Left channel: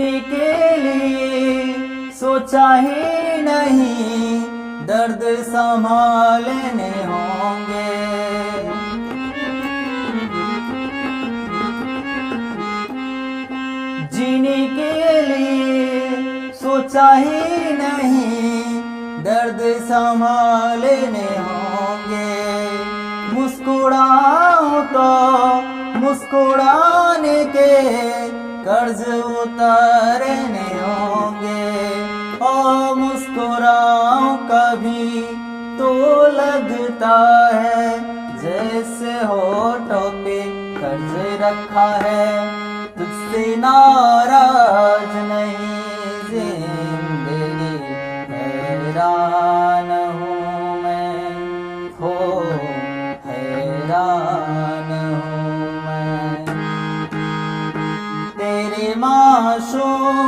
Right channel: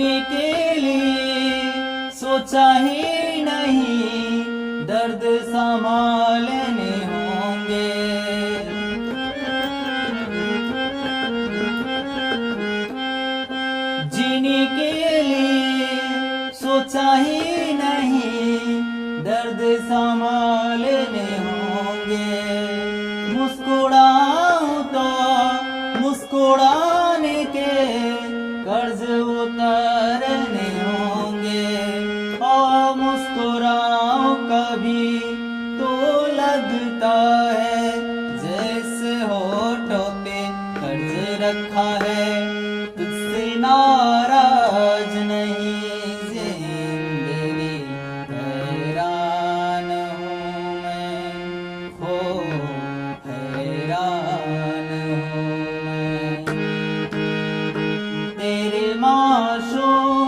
जीने के लिए सोचा ही नहीं, दर्द संभालने होंगे। जीने के लिए सोचा ही नहीं, दर्द संभालने होंगे। मुस्कुराऊं तो मुस्कुराने के कर्ज उतारने होंगे। और मुस्कुराऊं कभी तो लगता है जैसे होठों पे कर्ज रखा है। तुझसे नाराज नहीं जिंदगी, हैरान हूँ मैं, हो हैरान हूँ मैं। तेरे माशूक